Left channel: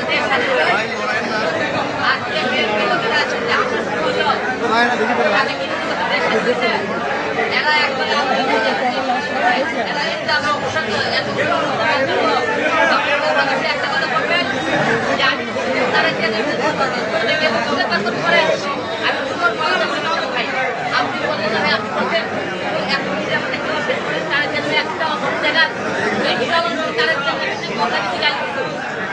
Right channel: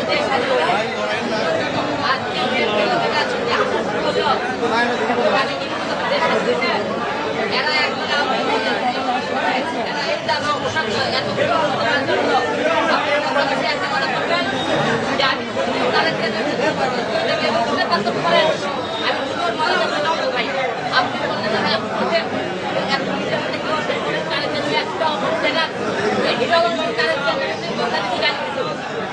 একটা জায়গা হিরো তারা একটা কথা যদি গাড়ি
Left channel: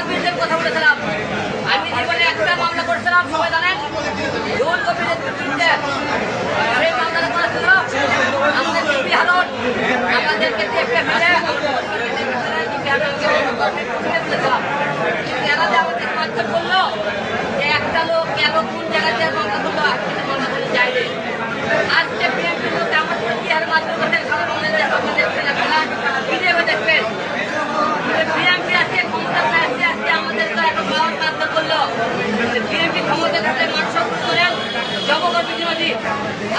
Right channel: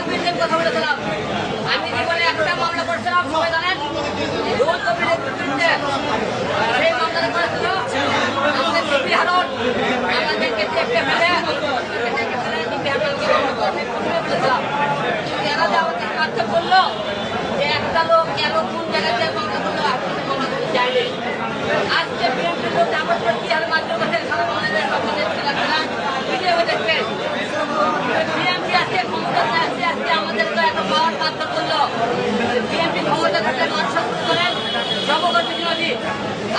আমি জীবনে একটা মামলা করেছিলাম, সবাই জানেন। হারন আমাদেরকে দেখতে ফেলে ডিপি করল, যে একটা লোক কেন কোন জায়গাতে মামলা করল, আর কিছু মামলা করে যায়নি আজকে বিএনপি লোক আমার উপর কি হারে মাত্র করছেন সবার মনে নেই আপনাদের আপনারা ভিডিও দেখবেন বিএনপি আজকে ক্ষমতা আসছে আজকে আমাদের তো এত পাওয়ার মাত্র করল বিএনপি ক্ষমতা থাকলে মানুষ করেন জবকর্মী বিরোধী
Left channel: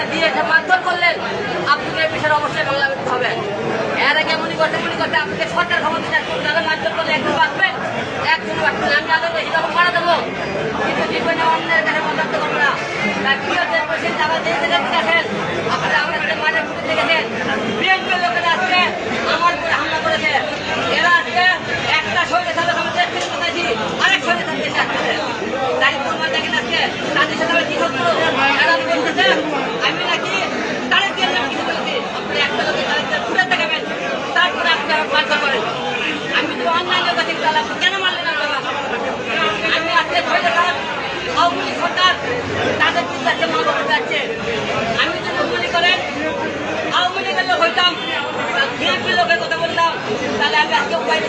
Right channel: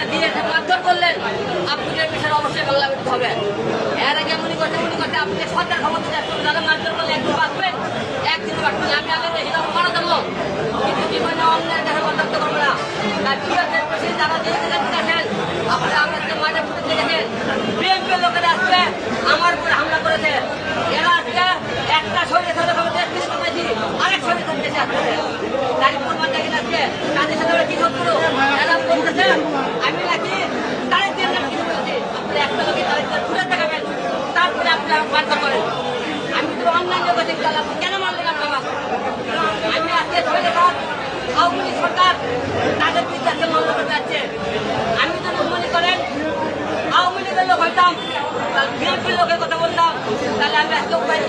হয়ে দিয়ে মারধর করলেন, আপনাদের বিষয়ে অবশ্যই বাংলা করতে হবে। এর আগে মনে করতে মনে করতে আপনাকে সরকার ক্ষমতা মারধর করলে একদিন বাঁচবেন একদিন বাঁচবেন। আমি আগে হিরো মারা দেবো, কিন্তু জীবনে অন্যের কাছে করব না। তাই ঠিক আছে প্রেসিডেন্ট যারা দেখে দেখেন আপনারা আমাদের মাঝে ফুটে দেখেন বিএনপি লোকেরা আজকে আমার হামলা করেছে। এরা আজকে একটা শহীদের সাথে আমি দেশ পেয়েছি আরেক দেশে সাথে আমি কি বলতেছে আমি নাকি তাদের দিয়ে আমি কিছু করেছি আপনারা একটা লোকে তাদের দিয়ে ঘুরে দেখাবেন আমি তো অন্যান্য কাছে গেলাম কেন মারলেন আপনারা? আমি আজকে শহীদের সাথে আওয়ামী সরকার তাদের বিরুদ্ধে মামলা করতে যাচ্ছে আমি যদি মনে করেন, আওয়ামী লীগের লোক হইতাম বিএনপির লোকের কথা বলতাম, তাহলে আমি আজকে উপায়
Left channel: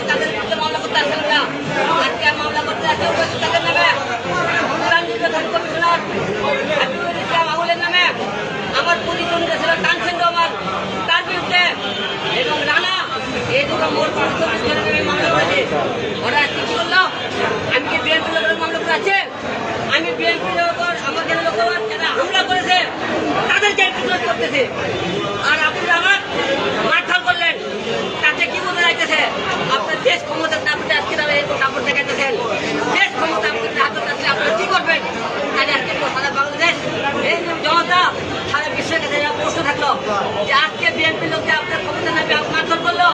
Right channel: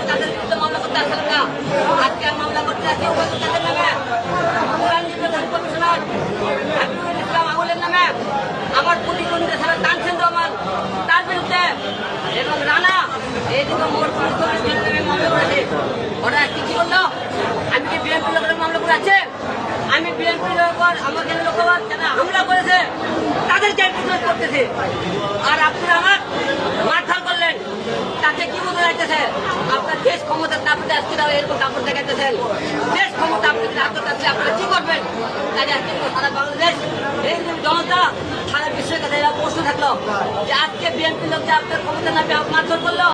মামলা করতে আসলাম না। আজকে মামলা করতে আসছে এই দুটো মামলা করেছে। আমি কি লোকের মামলা হামলা করেছে, তাদেরকে আর আপনারা আমার মারধর করলেন। তাতে কি বোঝা যাইতেছে? আপনার দেশ ক্ষমতা তারপরে আজকে এরকম কাপড় দেখাইতেছেন। দেশ ক্ষমতা আপনাদের হাতে থাকলে আপনারা কি করবেন? তাই আজকে সারা বাংলাদেশ জনতা, সারা বিশ্বের কাছে প্রশ্ন থাকল যে আজকে বিএনপি লোক যে আপনার ক্ষমতা না মারধর করল।